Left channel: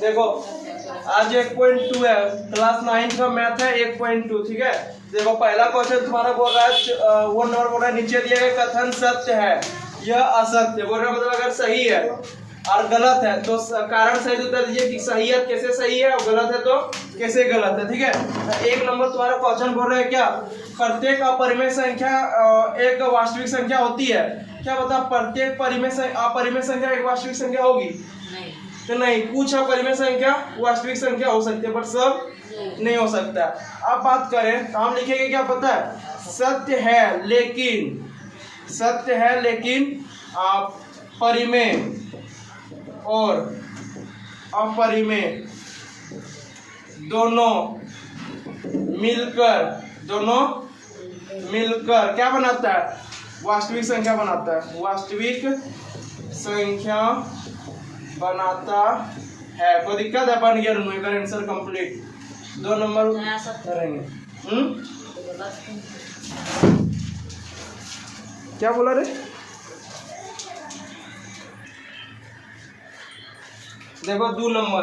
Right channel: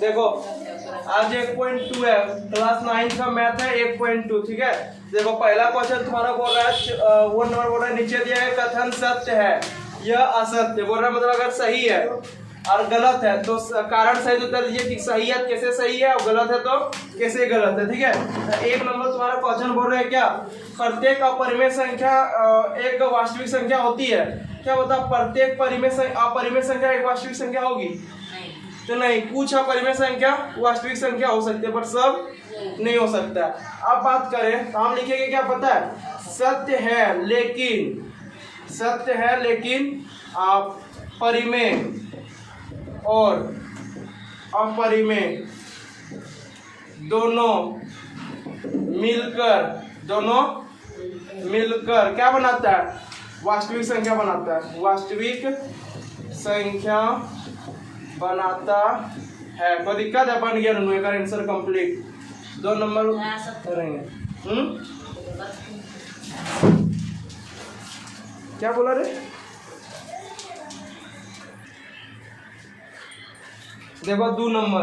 देखो आज 1.2 है, क्लास 9 का मैथ है 1.2, ठीक है। देखो पहला क्वेश्चन तुम्हारा बोल रहा है, वो नंबर बोल रहा है नीचे दिया गया कथन सत्य है, यह असत्य बोल रहा है, मतलब अगर सही है और गलत है तो कारण सहित उत्तर दीजिए कि सही है कैसे सही है और गलत है तो कैसे गलत है, ठीक है। एक नंबर तुम्हारा क्वेश्चन बोल रहे हैं क्या, प्रत्येक अपरिमेय संख्या एक वास्तविक संख्या होती है क्या, बता प्रत्येक अपरिमेय संख्या एक वास्तविक संख्या होगी तो नहीं, कुछ अपरिमेय संख्या वास्तविक संख्या हो सकती है पर सब नहीं हो सकता। अब बात करें तो हम लिखेंगे क्या पता है, सत्य है लेकिन परिमेय और अपरिमेय दोनों मिलकर क्या बनाता है, वास्तविक संख्या बनाता है, वास्तविक संख्या बनाता है। कोई दिक्कत है, बन गया का आंसर कंप्लीट। 2 नंबर करेंगे। क्या बोला रे, देखो 2 नंबर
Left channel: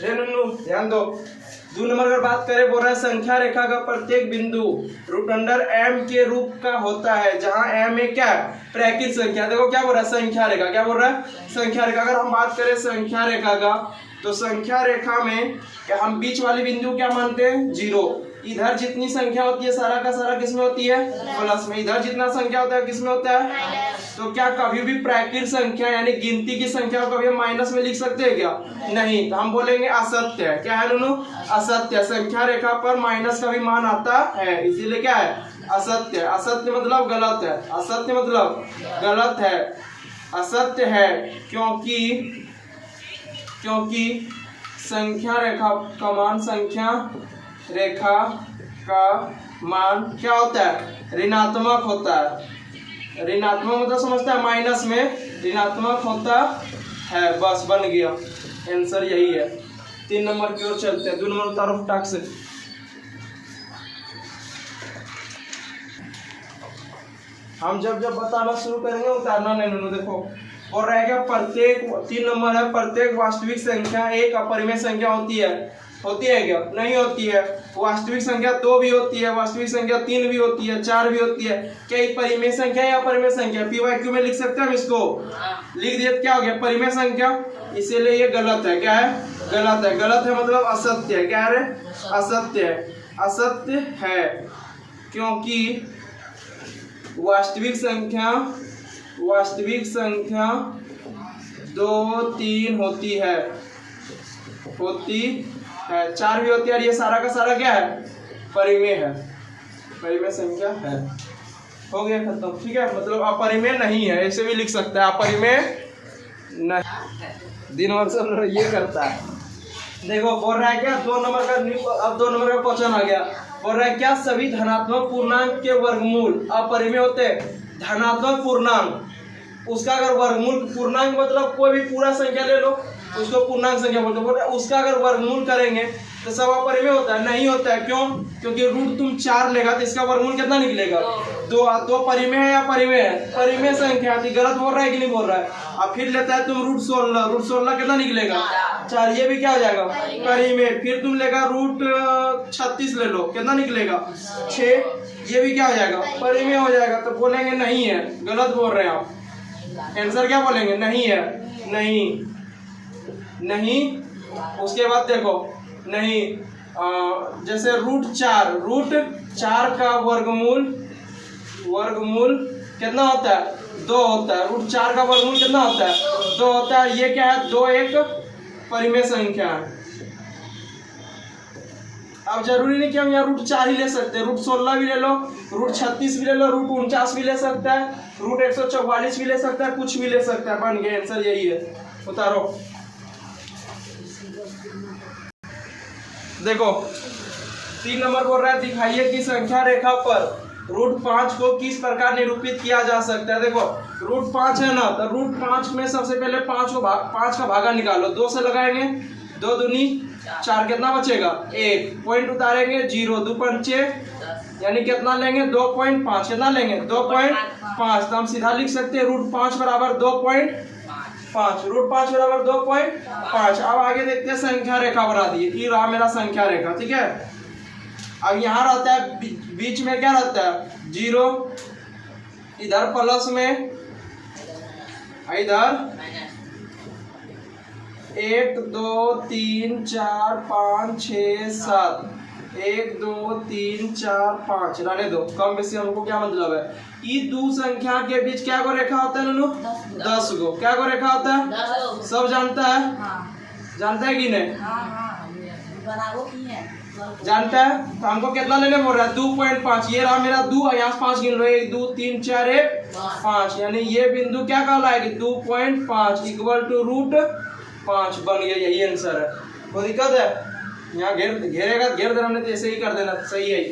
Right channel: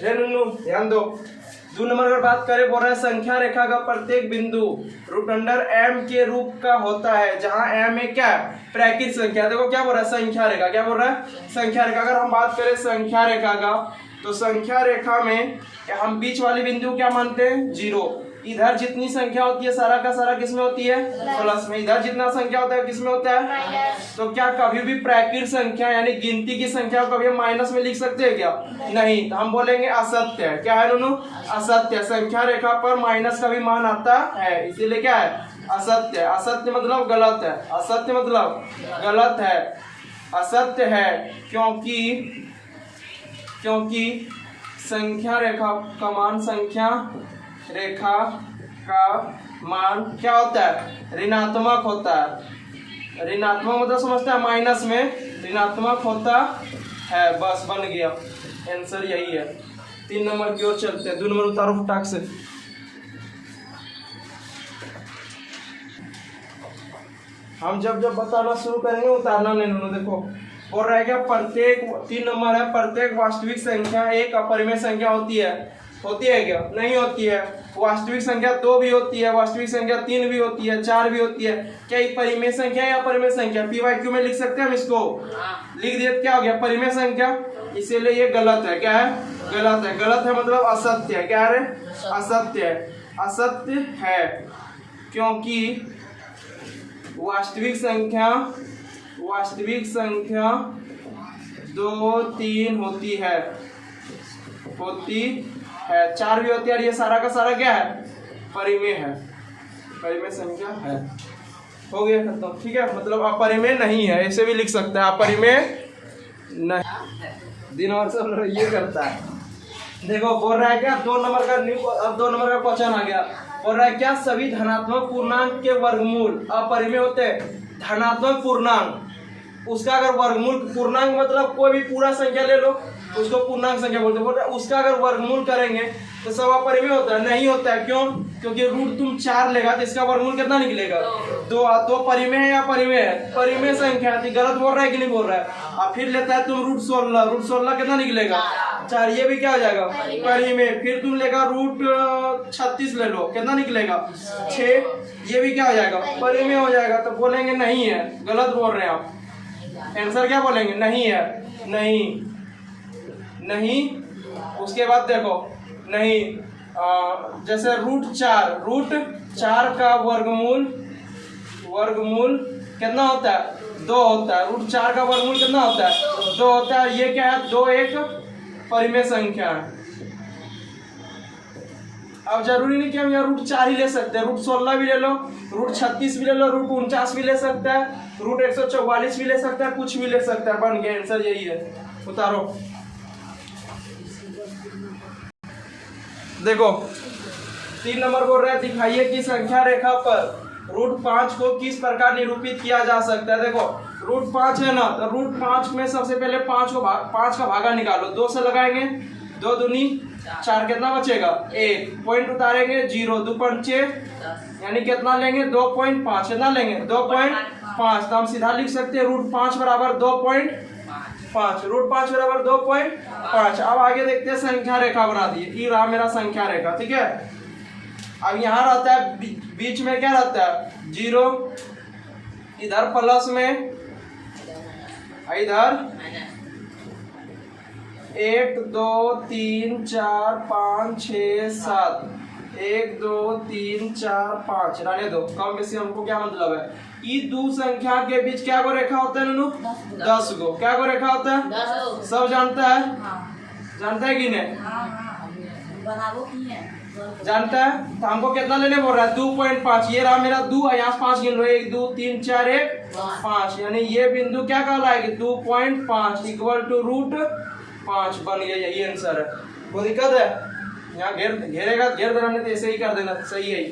रे नुनू ध्यान दो। 2 नंबर अगर बात करें बोल रहा है संख्या रेखा का प्रत्येक बिंदु √m के रूप का होता है, जहां m एक क्या है, प्राकृत संख्या। देखो क्या बोल रहा है, संख्या रेखा, क्या बोल रहा है, संख्या रेखा। अगर हम बात करें संख्या रेखा का तो संख्या रेखा में हम बीच वाली बिंदु क्या मानते हैं, 0। इधर जितनी संख्या होती है सारा का सारा किसमें होती है, प्लस में। इधर जितना संख्या होता है किसमें होता है, तो क्या कभी भी प्राकृत संख्या यानी गिनती की संख्या को कभी हम माइनस में लिख सकते हैं क्या, नहीं। तो हम बोलेंगे असत्य है। क्या है दोनों, असत्य। संख्या रेखा पर माइनस का भी मान आता है, इसीलिए क्या है, असत्य। असत्य मतलब गलत है, असत्य मतलब गलत है, असत्य है क्योंकि संख्या रेखा का मान, संख्या रेखा का मान क्या होता है, ऋणात्मक होता है। ऋणात्मक मतलब समझता है, माइनस में ऋणात्मक होता है, बस बन गया आंसर यही है। 3 नंबर की ओर चलते हैं। 2 नंबर उतारो फटाक से। हम जब बताना शुरू करेंगे उतारना नहीं। देखो और रह गया प्रत्येक, 3 नंबर है, प्रत्येक वास्तविक संख्या एक अपरिमेय संख्या होती है क्या, नहीं होती है। वास्तविक संख्या 2 भी होती है, वास्तविक संख्या 3 भी होती है, 4 भी होती है। क्या ये परिमेय संख्या है या अपरिमेय संख्या, PYQ में लिख सकते हैं हम इसको, लिख दिए क्या हो गया, परिमेय संख्या, इसीलिए ये गलत है। क्या है, गलत है। गलत है मतलब असत्य है। क्या है, असत्य है। असत्य है क्योंकि वास्तविक संख्या 2, 3 होती है, 4 भी होती है, और ये सारा का सारा क्या है, परिमेय है, परिमेय संख्या है। हो गया खत्म, ठीक है। मतलब अपरिमेय नहीं है, ऐसे भी लिख सकते हैं, अपरिमेय नहीं। दिन और सब ये करता है। देखो बोल रहा है क्या, 2 नंबर का अब 2 नंबर का क्वेश्चन आ गया। बोल रहा है क्या सभी धनात्मक पूर्णांक के वर्गमूल अपरिमेय होते हैं। धनात्मक पूर्णांक, उसका अगर वर्गमूल, पूर्णांक मतलब कोई भी पूरा संख्या ले लो उसको पूर्णांक संख्या बोलते हैं। उसका अगर वर्गमूल करेंगे तो सब अपरिमेय होता है, नहीं होता है। क्यों, क्योंकि रूट तुम 4 लेगा तो इसका वर्गमूल कितना निकलेगा, 2 परिमेय है या परिमेय है, परिमेय संख्या है। गलत बोल रहा है कि नहीं बोल रहा है। अब फिर लेता है तुम √16 कितना निकलेगा, 4, ये भी क्या हो जाएगा, परिमेय। फिर तुम लेगा √36 ले लो, कितना निकलेगा, 6, ये भी क्या हो जाएगा, परिमेय हो जाएगा। तो बोलेंगे नहीं है, गलत बोल रहे हैं आप। आंसर क्या बोलेंगे, नहीं है, नहीं। उसके बाद देखो नहीं, जैसे √4 का वर्गमूल कितना होता है, 2 होता है। √4 का वर्गमूल कितना होता है, 2 होता है। ये क्या है, 2 एक परिमेय संख्या है। अब जरूरी नहीं कि हम यहाँ √4 ही ले सकते हैं, √16 भी ले लो, √36 भी ले लो, √49 भी ले सकता है, √144 भी ले सकता है, कुछ भी ले सकता है। बन गया आंसर यही है। उतारो। देखो 3 नंबर बोल रहा है दिखाइए कि संख्या रेखा पर √5 को किस प्रकार निरूपित किया जा सकता है। देखो √5 है ना, तो √5 में सबसे पहले 5 का भागा निकालो, 2 से लगाएंगे, 2 दूनी 4, कितना बचेगा, 1, पॉइंट उतारेंगे 0, 2 पंचे यानी कितना लेंगे, 2.5, कितना लेंगे, 5, तो हम सीधा लिख सकते हैं √5 बराबर 2.5, √5 बराबर 2.5। अब आगे देखते हैं संख्या रेखा बना दी, ये रहा मेरा संख्या रेखा, ठीक है। अब यहाँ रहता है बीच में क्या रहता है 0, इधर प्लस में, इधर 1 2 3 4 5 6 7, 1 2 3 4 5 रहने दो, कम बेसी हमको क्या मतलब है, ये दो संख्या के बीच क्या को रेखा होता है नूनू 10 गो, क्या को रेखा होता है सब जानता है, जानता है कि नहीं, जानता है। तो हमको कितना लेने बोल रहा है 2.5, ये रहा मेरा 2, यहाँ 5 गिन लो, 1 2 3 4 1 5, यानी ये बिंदु क्या कहलाएगी 2.5 इक्वल टू √5 बन गया, यही आंसर है। कोई दिक्कत है, यहाँ घेरेगा घेर देना, नहीं तो ऐसे ही कर देना, सही है।